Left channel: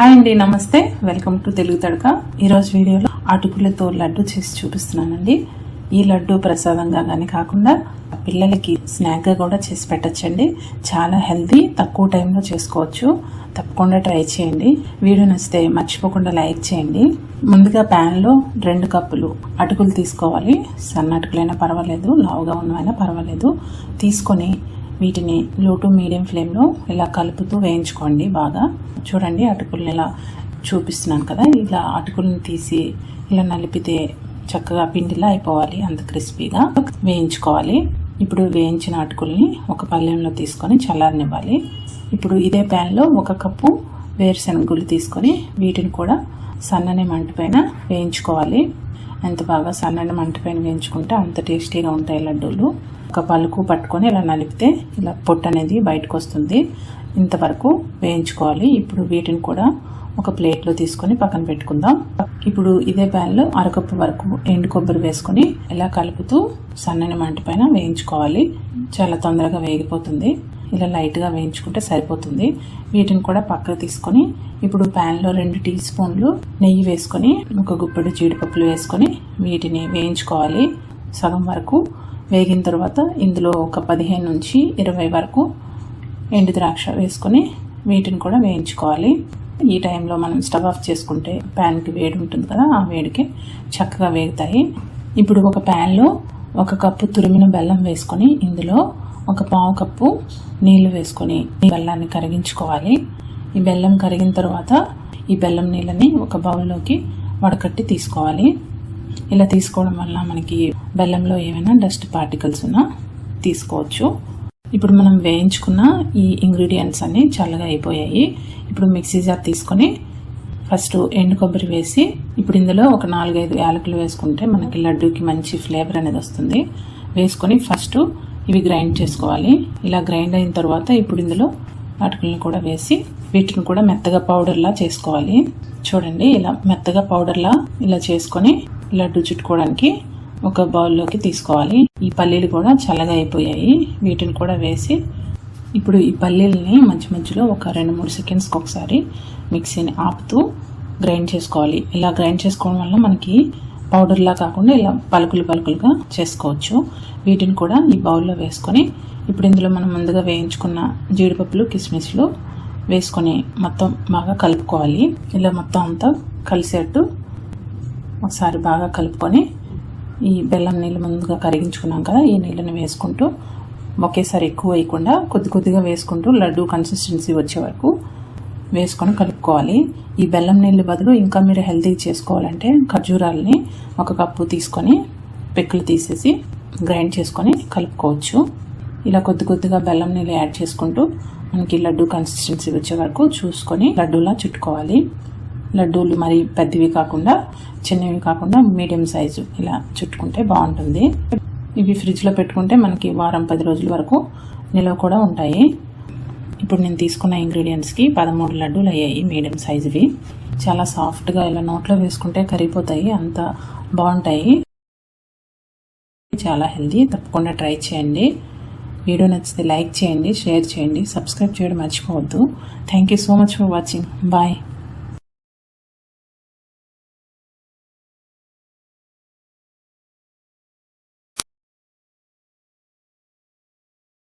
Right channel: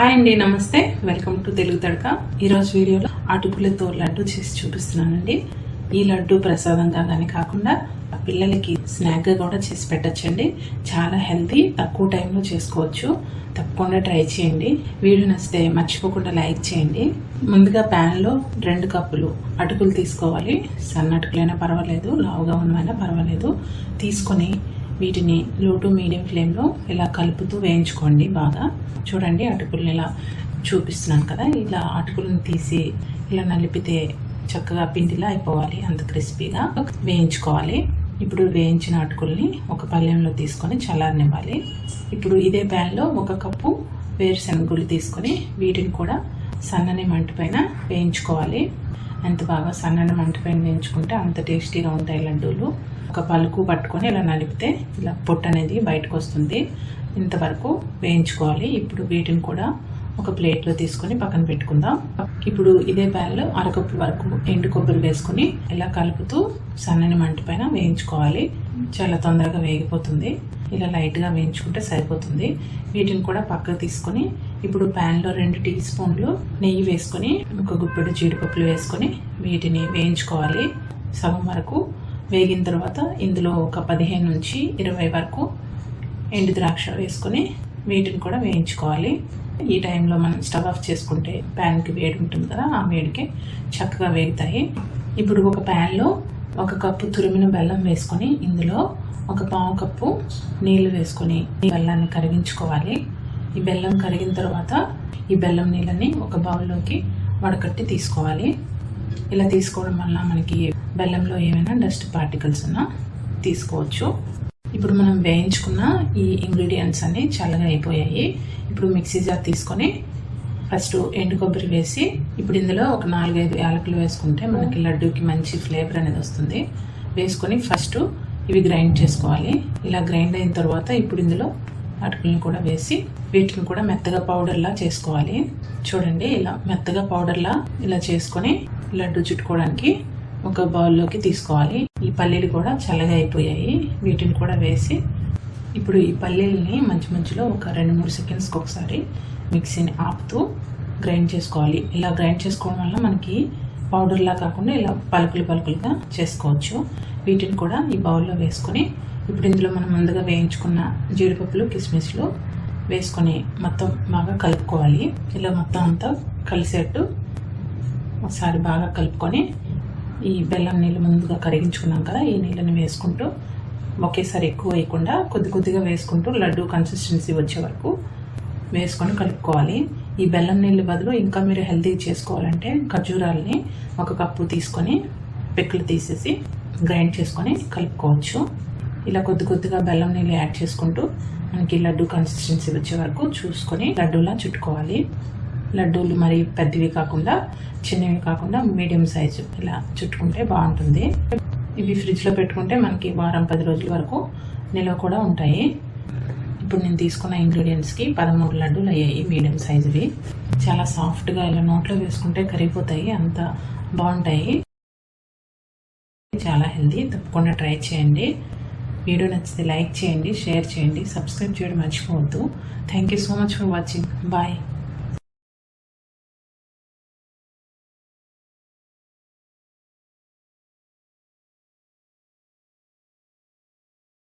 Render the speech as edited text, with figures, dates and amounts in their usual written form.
Hi అండి, నమస్తే. Welcome to Telugu Thadaka. ఈరోజు వీడియోలో అటుకులతో లడ్డు చేసి చూపిస్తున్నానండి. ఈ లడ్డు ప్రసాదంగా కానీ కాకుండా పిల్లలకి స్నాక్గా కూడా చేసి పెట్టచ్చండి. చాలా హెల్తీ, తక్కువ టైంలో చేసుకోవచ్చు. తప్పకుండా ట్రై చేయండి. వీడియో నచ్చితే మర్చిపోకుండా లైక్ చేయండి. ముందుగా ప్యాన్లో 2 కప్పులు అటుకులు తీసుకోవాలి. సన్న అటుకులైనా పర్వాలేదు, లావుగా ఉన్నవైనా పర్వాలేదు. తీసుకొని వీటిని లో టు మీడియం ఫ్లేమ్లో ఇలా కలుపుతూ వేయించుకోండి. బాగా చూడండి, అటుకులను ఇలా చూపిస్తున్నాను కదా, ఇలా అటుకులను తీసి ఇలా నలిపితే చక్కగా పిండిలా అయిపోవాలి. అంత క్రిస్పీగా వేయించుకోవాలి. ఇప్పుడు వేయించిన అటుకుల్ని ఒక పళ్ళెంలో తీసుకొని చల్లారనివ్వాలి. ఇప్పుడు ఇదే ప్యాన్లో 1 కప్పు వేరుశనగ గుళ్ళు తీసుకొని వీటిని కూడా సన్నని మంట పైన వేయించుకోవాలి. ఎంత బాగా సన్నని మంట పైన వేయించుకుంటే అంత టేస్టీగా ఉంటాయి లడ్డూలు. ఒక పలుకు పట్టుకొని ఇలా నలిపితే ఇలా పొట్టు అనేది బయటకు వస్తుంది. ఇంతవరకు వేయించుకోవాలి. ఇప్పుడు వీటిని కూడా ఒక ప్లేట్లో తీసుకొని పక్కన పెట్టుకుందాం. ఇప్పుడు ఇదే ప్యాన్లో 1/2 కప్పు వరకు ఎండు కొబ్బరి వేసుకొని ఇలా కలుపుతూ సన్నని మంట పైన వేయించుకోవాలి. చాలా తొందరగా వేగిపోతుంది. ఇలా లైట్గా వేయించుకుంటే సరిపోతుంది. వీటిని కూడా పక్కకు తీసుకొని ఇప్పుడు ప్యాన్లో 2 టీ స్పూన్లు నెయ్యి వేసుకొని 1 గుప్పెడు జీడిపప్పులు వేసుకొని వీటిని వేయించుకోవాలి. సగం వరకు వేగిన తర్వాత ఇందులో ఒక 15 నుంచి 20 వరకు ఎండు ద్రాక్ష వేసుకొని వీటిని కూడా వేయించుకోవాలి. ఈ టైంలో మనం స్టవ్ ఆఫ్ చేసుకుంటే ప్యాన్కి వేడి ఉంటుంది కదా, ఆ వేడికి చక్కగా వేగుతాయి. ఇప్పుడు ఒక ప్యాన్లో 1 కప్పు తురిమిన బెల్లం వేసుకొని ఇందులో 1/4 కప్పు నీళ్లు వేసుకొని ఈ బెల్లాన్ని కరిగించుకోవాలి. ఈ బెల్లం కరిగిన తర్వాత ఈ బెల్లం నీళ్ళని ఒక బౌల్లోకి వడకట్టి తీసుకోవాలి. ఇలా తీసుకోవడం వల్ల మనకి బెల్లంలో ఏమైనా డస్ట్ పార్టికల్స్ ఉన్నా తీసుకోవచ్చు. ఇప్పుడు మనం వేయించుకున్న ఈ ఇంగ్రీడియంట్స్ అన్నీ చల్లగా అయిపోయాయి. ఇప్పుడు మిక్సీ జార్ తీసుకొని ఫస్ట్ ఎండు కొబ్బరి వేసి ఇప్పుడు ఇందులో ఒక 4-5 యాలకులు వేసుకుంటే మనకి లడ్డూకి మంచి ఫ్లేవర్ అనేది వస్తుంది. వేసుకొని ఫస్ట్ ఇవి గ్రైండ్ చేసుకోవాలి. ఇలా గ్రైండ్ అయిన తర్వాత ఇప్పుడు ఇందులో అటుకులను కూడా వేసి వీటిని కూడా మెత్తగా పౌడర్లా చేసుకోవాలి. చూడండి, ఇలా మెత్తగా పౌడర్లా ఇలా చేసుకొని లడ్డు చుట్టుకోవడానికి ఒక బౌల్లోకి తీసుకోవాలి. ఈ పల్లీలు కూడా చల్లగా అయిపోయాయి. వీటిని కూడా వేసి ఇప్పుడు ఈ పల్లీలని మధ్యలో ఒక 2-3 సెకండ్స్కి ఒకసారి మిక్సీని ఆపుతూ గ్రైండ్ చేసుకోవాలి. ఇలా గ్రైండ్ చేసుకోవడం వల్ల మనకి పౌడర్లా కాకుండా ఇలా పలుకులుగా చేసుకోవచ్చు. వీటిని కూడా ఈ బౌల్లో వేసుకొని ఇప్పుడు ఇందులో మనం ముందుగా వేయించుకున్న జీడిపప్పులు, కిస్మిస్లు వేసుకొని మొత్తం బాగా కలుపుకోవాలి. ఇలా మొత్తం అంతా కలిసేట్టు ఒకసారి బాగా కలుపుకొని ఈ బెల్లం నీళ్ళు ముందుగా కరిగించుకున్నాం కదా, ఈ నీళ్ళని వేసుకుంటూ ఒకేసారి ఎక్కువ వేయకుండా కొద్దిగా వేసుకుంటూ లడ్డు కన్సిస్టెన్సీ వచ్చే వరకు వేసుకొని కలుపుకోవాలి. ఈ బెల్లం నీళ్ళు బదులు ఇంకా మీరు హెల్తీ చేసుకోవాలంటే ఖర్జూరాలని 1 కప్పు తీసుకొని పిక్కలు తీసేసి గ్రైండ్ చేసుకొని కలుపుకోవచ్చు. ఇలా కొద్దిగా బెల్లం నీళ్ళు యాడ్ చేసుకుంటూ మనకి లడ్డు కన్సిస్టెన్సీ వచ్చే వరకు చూసుకొని లడ్డూలా చుట్టుకోవాలి. లడ్డూలు మరి పెద్దవి కాకుండా చిన్నవి కాకుండా మీడియం సైజు ఇలా చుట్టుకుంటే బాగుంటుంది. ఇవి ఫ్రిడ్జ్లో పెట్టుకుంటే మనకి 1-10 రోజుల వరకు నిల్వ కూడా ఉంటాయి. ఇప్పుడు నేను తీసుకున్న ఇంగ్రీడియంట్స్కి 13 లడ్డూలు అయ్యాయి, మీడియం సైజువి. చాలా సాఫ్ట్గా ఇలా నోట్లో వేసుకుంటే కరిగిపోతాయి, అంత బాగుంటాయి. చాలా హెల్తీ. తప్పకుండా ట్రై చేయండి. వీడియో నచ్చితే లైక్ చేయండి, షేర్ చేయండి, సబ్స్క్రైబ్ చేయడం మర్చిపోవద్దు. Thank you so much for watching. Bye.